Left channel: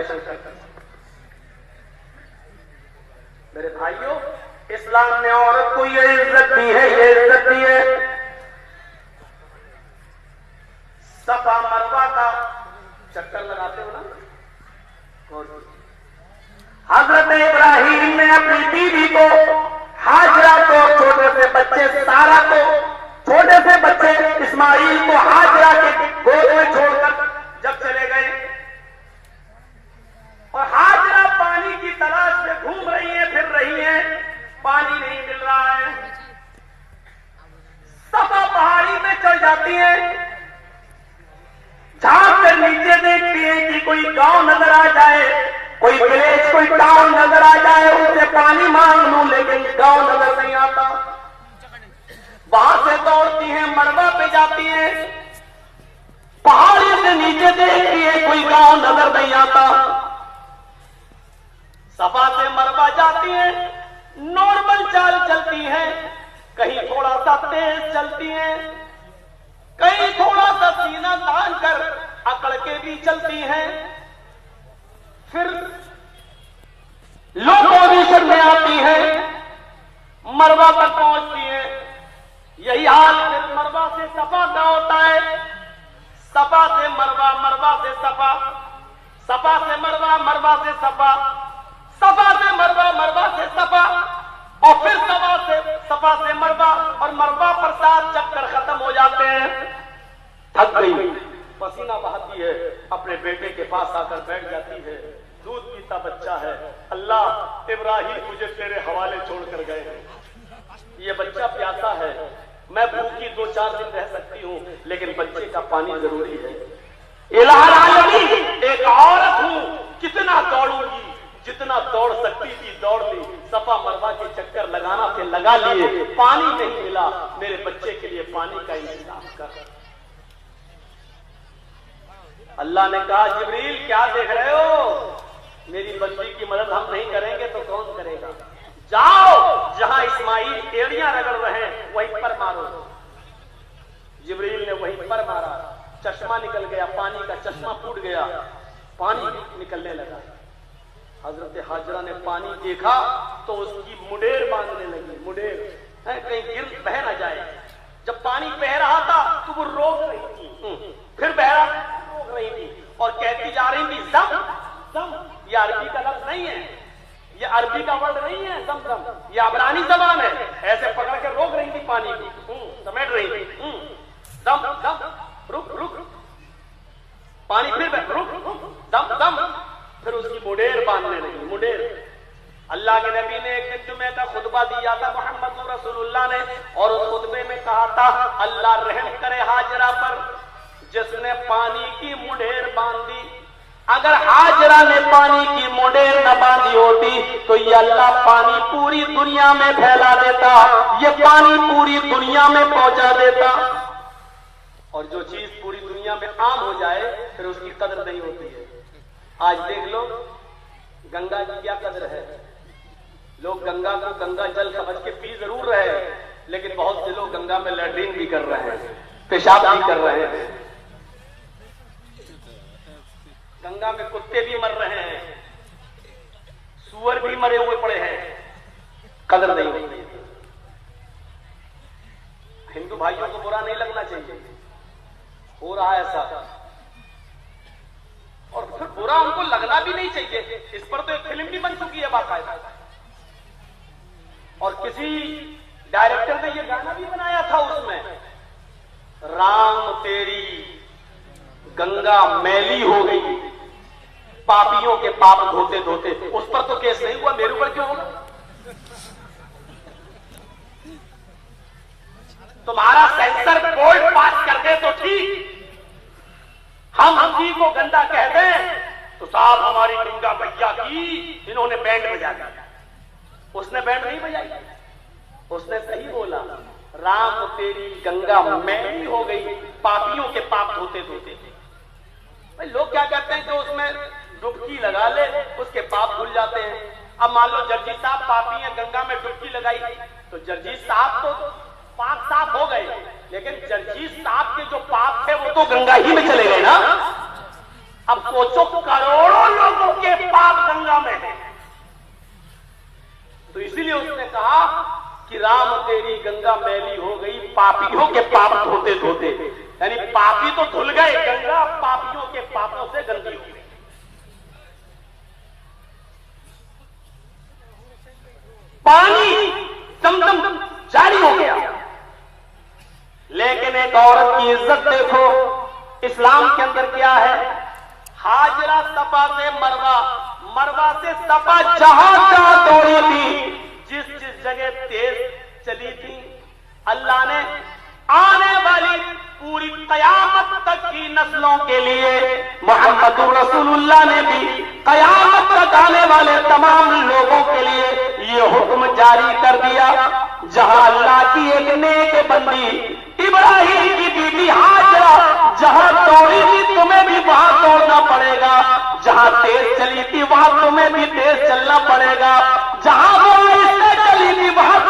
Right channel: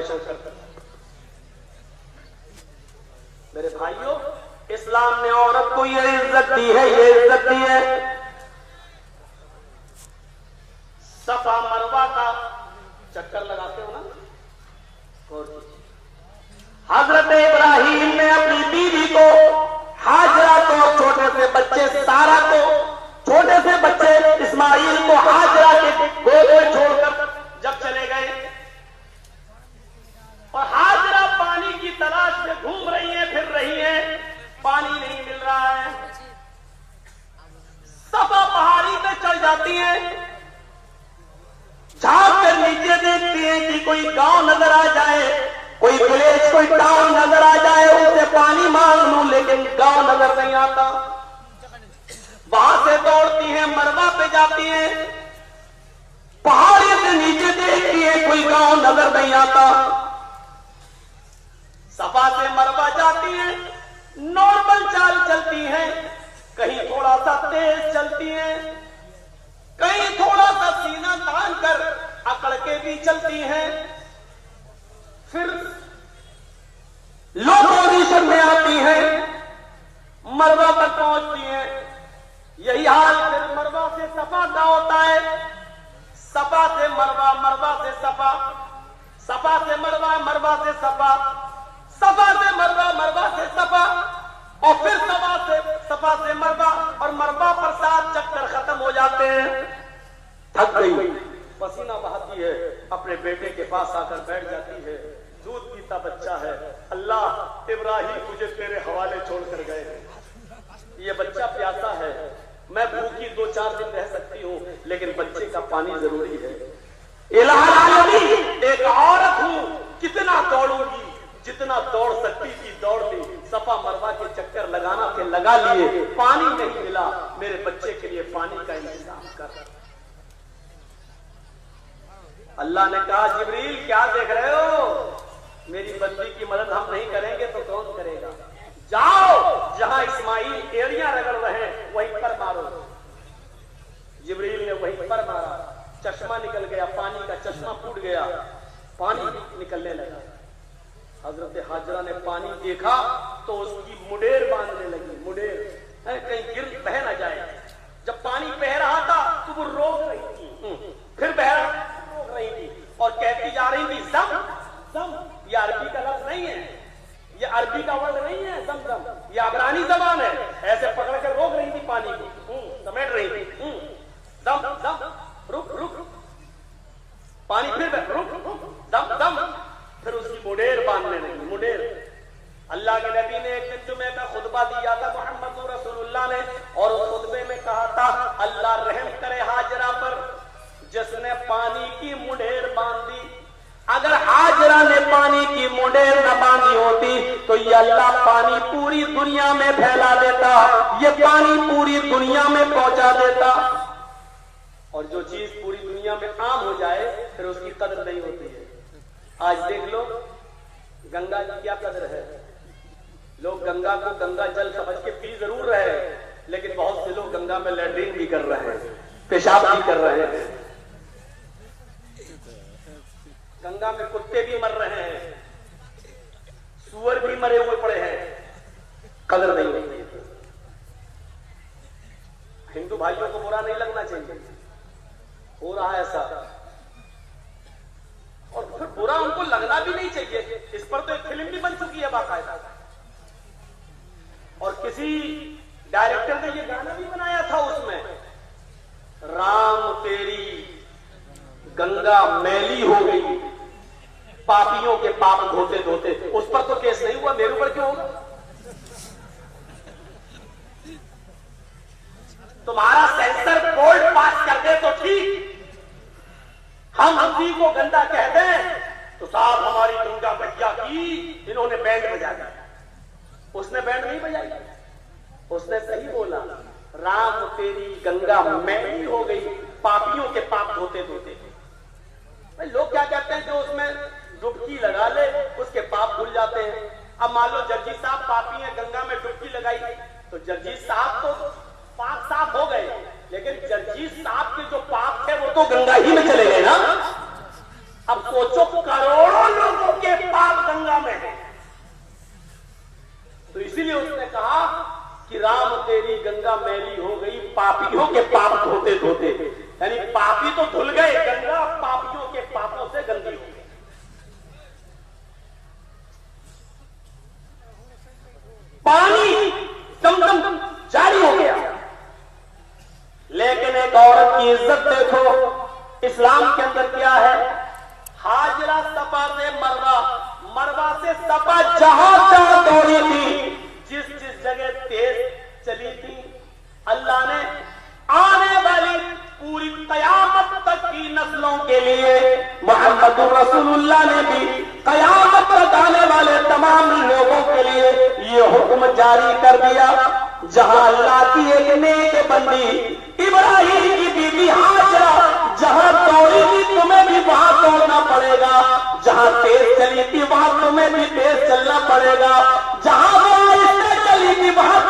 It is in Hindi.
डेकोरेशन करते हैं। मेरे भाइयों, इस्लाम ने औरत को ये इज्जत दी है, ये इज्जत दी है। सफा मरवा का चक्कर लगाते हो ना। और हजरत इब्राहिम ने अपनी बीवी को, हाजरा को, छोटे से बच्चे सारा को, छोटे से बच्चे इस्माइल को हाजरा के गोद में छोड़कर जब चले गए और हाजरा पानी की तलाश में घूम रही है, फिर रही है, पानी नहीं मिल रहा है। सफा पहाड़ी पे चढ़ जाती है, झांक कर नीचे देखती है कि कोई गांव नजर आ जाए, कोई विलेज, कोई टाउन नजर आ जाए, उससे पानी मांग लूं, लेकिन गांव नजर नहीं आता। वहां से दौड़ती है, मरवा पे जाती है, पहाड़ी से नीचे देखती है, कोई गांव नजर नहीं आता। सफा से मरवा जाती है, नॉर्मल चाल चलती है, कहीं थोड़ा सा तेज चलती है, कहीं थोड़ा सा सीना तान कर अकड़ के भी चलती है। फिर लो पोजीशन में आती है, मरवा तक पहुंचती है। यही हाल फिर मरवा से सफा का होता है। सफा से मरवा, मरवा से सफा, सफा से मरवा, मरवा से सफा, सफा से मरवा, मरवा से सफा, और फिर सफा से मरवा, और मरवा पर 7 चक्कर खत्म हो जाते हैं। थक गई, पसीना बहाती है, अपने बेटे के पास आकर बैठ जाती है। दूध पीता बच्चा है। अल्लाह, इब्राहिम मुझे तेरे हवाले छोड़कर गए, ये बच्चा प्यासा है, मैं भूखी 2-4 दिन रह सकती हूँ, लेकिन बच्चे का पानी जरूरी है। इलाहुल आलमीन, एक औरत हूँ, कितना दौड़ूंगी, जितना दौड़ सकती थी दौड़ ली। सफा मरवा के चक्कर लगाना थे, लगा लिए, पानी नहीं मिला। मेरे बच्चे के लिए पानी का इंतजाम कर। अल्लाह ने कहा, जिब्रील क्या देख रहे हो, मेरी बंदी की मदद हम नहीं करेंगे तो कौन करेगा। जाओ, जहां इस्माइल एड़ियां रगड़ रहे हैं वहीं पर मारो। जिब्रील ने वहीं पर मारा, चश्मा निकल गया, पानी का चश्मा फूट गया, पानी निकलने लगा। हजरत हाजरा ने पानी देखा तो उसकी मुडेर बांधने लगी। मुडेर कहीं गिर बह ना जाए। जब पानी बह रहा था तो वो रोक रही थी, फिर बह रहा रोक रही थी, और कहती जा रही थी, जम जम। ये अरबी का लफ्ज नहीं है, ये अरबी का वर्ड नहीं है जम जम, ये अबरानी जबान है। ऐसे पकड़ के रोक रही थी पानी को, समेट रही थी, दम दम, रुक रुक, पानी फिर रुक रुक, दम दम, फिर उसकी मुडेर बांधने लगी। मुडेर, अल्लाह के नबी ने एक दिन जुमे का खुतबा दिया था, मोहम्मद रसूलुल्लाह ने, और उस खुतबे में कहा था, अल्लाह रहम करे हाजरा पर, जिसने पानी की मुडेर बांधी। अगर हाजरा ने पानी की मुडेर न बांधी होती तो ये अल्लाह पानी पूरी दुनिया में फैला देता, ये पानी पूरी दुनिया में पहुंचा देता। और जो चीज पूरी दुनिया में आम हो जाए फिर उसकी कदर नहीं होती है। आज देख लो, गंगा की क्या कदर है। लोग गंगा को गंगा जल समझ के पी जरूर रहे, लेकिन बहुत से लोग गंगा में लैट्रिन भी कर रहे हैं, पेशाब भी कर रहे हैं, गंगा में कुत्ते भी मर रहे हैं, सुअर भी मरे हुए पड़े हैं, कदर नहीं होती। हिंदू भाइयों को बुरा नहीं लगना चाहिए, हो रहा है ऐसा, और फिर बुरा उनको लगना भी नहीं चाहिए। इस पर तो एक फिल्म भी बन चुकी है बाकायदा, और किसी डायरेक्टर ने ये गाना भी बनाया था, उसमें राम तेरी गंगा मैली हो गई, पापियों के पाप धोते धोते। उस पर तो केस नहीं हुआ, मेरे ऊपर क्यों होगा। तुम्हारा सेंसर बोर्ड पास कर दे तो ठीक, हम किसी को गंदा कह दें तो साहब हमारी गंगा भैया की इन्होंने बैंड बजा दिया। उसने बैंड नहीं बजाई, उसने सही बोला, राम तेरी गंगा मैली हो गई, पापियों के पाप धोते धोते। भाई लोग क्या कहते हैं, जो उसमें डुबकी लगा ले उसके पाप धुल जाते हैं। अब मान लो जर्जी साहब पापी हैं, गंगा में डुबकी लगाई तो जर्जी साहब तो पाप साफ हो गए, लेकिन जर्जी साहब के जो पाप थे वो तो गंगा ही में चले गए ना। अब सोचो, करोड़ों लोगों तेरी गंगा मैली हो गई पापियों के पाप धोते धोते। यानी पापी तो धुल गए, गंगा पापियों के पापों से गंदी हो गई। पानी दमदम जारी हो गया। लेकिन एक औरत की इज्जत देखो इस्लाम के अंदर क्या है। हाजरा सफा से मरवा, मरवा से सफा जहां जहां दौड़ी थी, जिस जिस जगह तेज चली थी, अल्लाह ने आने वाली पूरी कयामत तक की नस्लों के लिए, मोहम्मद रसूलुल्लाह ने भी कयामत तक आने वाले तमाम लोगों के लिए ये हुक्म जारी कर दिया। जहां अल्लाह की एक नेक बंदी इब्राहिम की बीवी हाजरा जहां दौड़ी थी, तुम्हें भी वहां दौड़ना पड़ेगा। जहां तेज चली थी वहां तुम्हें भी तेज चलना पड़ेगा। जहां वो इससे चली थी वहां